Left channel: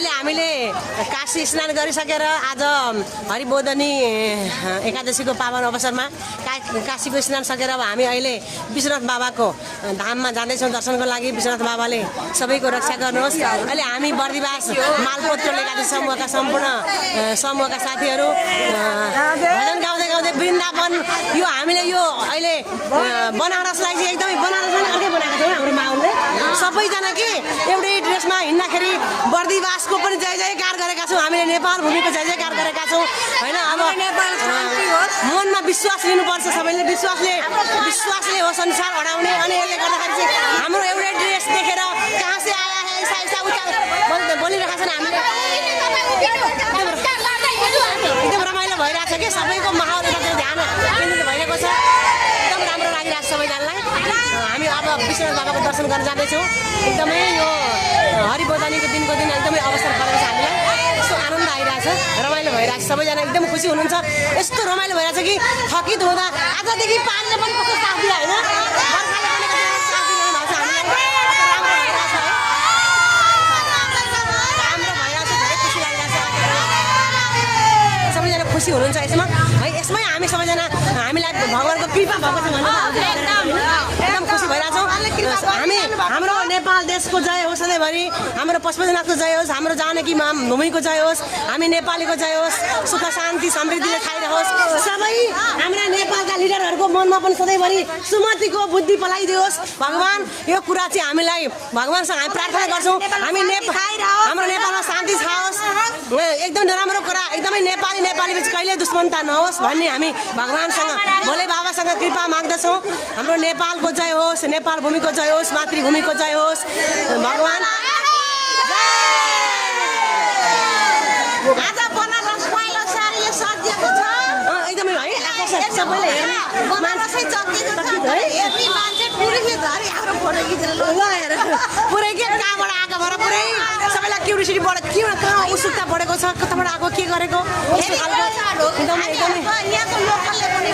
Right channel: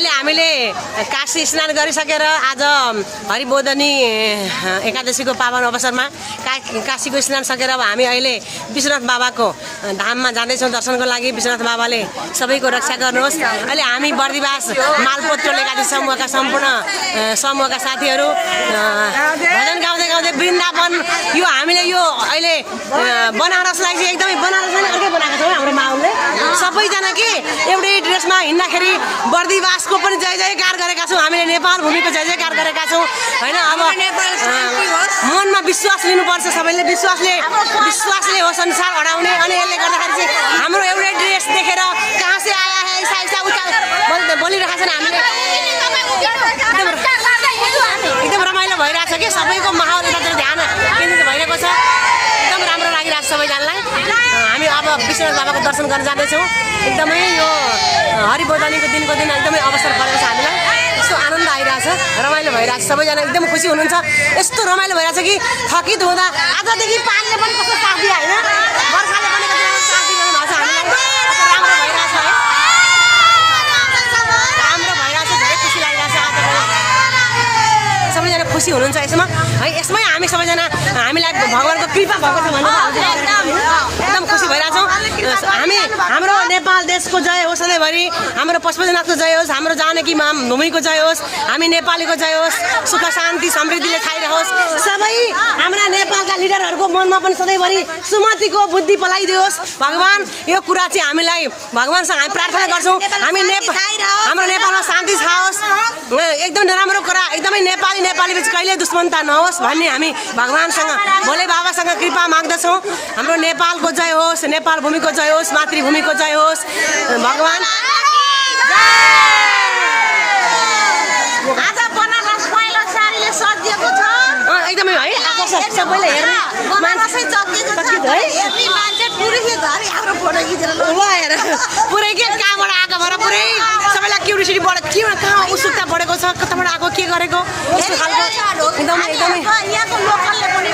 अहिले हामीले काशी स्नान गरिसकेर आज हरिबोधनी एकादशीको पावन अवसरमा काशीको स्नान सकेर अब हामी अहिले विश्वनाथ बाबाको धाममा जाँदैछौँ दर्शनको लागि। विश्वनाथ बाबाले सबैको रक्षा गर्नुहोस्। अहिले हामी बर्दिवास मालपोत्रो एकादशी समूहका सम्पूर्ण समूहका साथीहरू भजन गाउँदै गाउँदै वृन्दावन यो हामीले यो अहिले बनारसलाई चाहिँ एकदमै बनारसलाई अर्कै बनाएको छौँ हाम्रो माहौलले। सबैजना के एउटै ड्रेसमा हिँड्दाखेरि बर्दिवासको पनि जय जयकार गरेका छौँ हामीले, नेपाल भूमिको जय जयकार गरेका छौँ होइन। अब मनमा विश्वास लिनुपर्छ सबैले, विश्वासले होस् अनुसार अडाउने। अनि यसले गर्दाखेरि चाहिँ हाम्रो एउटै ड्रेस देखेर कहाँ से आया है ऐसा ऐसा उता बोलिरहेका छन् हामीले। एकदम रमाइलो भइरहेछ कि सबैको माहौल यतातिर ध्यान केन्द्रित भइरहेको छ। एकदम राम्रो लागिरहेको छ सबैजनालाई। हामी अब विश्वनाथ बाबाको दर्शन गर्न जाँदैछौँ। एकदमै यो हरिबोधनीको दिनको दिन एकदमै अवसर परेको छ हामीलाई। यस्तो आनन्द आइरहेछ, रमाइलो भइरहेछ, सबैजना एकदम खुसी हुनुहुन्छ। यस्तो रमाइलो भइरहेछ कि थकित हुँदा आजदेखि पानीले पनि कस्तो साथ दियो होइन, बर्खाले पनि कस्तो साथ दिइरहनु भएको छ हामीलाई। राम्रो भइरहेछ है, राम्रो भइरहेछ, धेरै खुसी लागिरहेछ। सबैजना खुसी हुनुहुन्छ यसमा है। यसमै हामी सबैजना हामीलाई भगवानको कृपा भएको छ भनेर एकदम खुसी भइरहेछौँ। हामी हाम्रो नेपाल देशको जय होस् सधैँभरि, हाम्रो पशुपतिनाथको जय होस्, हाम्रो जानकी भूमिको जय होस्, हामी नेपालीको जय होस्, सुख शान्ति समृद्धिले खाइरहोस्। सबै हाम्रा नेपालका लिडरहरूको मनमा पनि सधैँभरि सुमतिको बुद्धि पलाइदियोस् भगवान्। यो कुरा चाहिँ हामीलाई भगवान्सँग हामी प्रार्थना गर्छौँ। हामी हाम्रो नेपालमा शान्ति खाओस्, एकदम नराम्रो कुरा एकदमै नेपाली बिच कहिले दुश्मनता नहोस् भन्ने हामी भगवान्सँग भोले बाबासँग कृपा माग्दछौँ। हाम्रो नेपालको जय होस्, नेपाल भूमिको जय होस्, मातृभूमिको जय होस् भगवान्। आज बनारस पहिलो सारीले सजिएको छ एकदमै है आकर्षक सबैले हेर्ने मान्छे चल्दिएको छ है। हेर्ने मान्छे टुरिस्ट धरि हाम्रो फोटो खिचेर ल हेर पुरै के कहाँबाट आएको भएर पुरै सबैलाई क्युरियोसिटी बढ के कहाँ उत्सुकता बढेको छ, कताबाट आएको के गरेको यस्तो खालको एकदमै यहाँको लोकलले पनि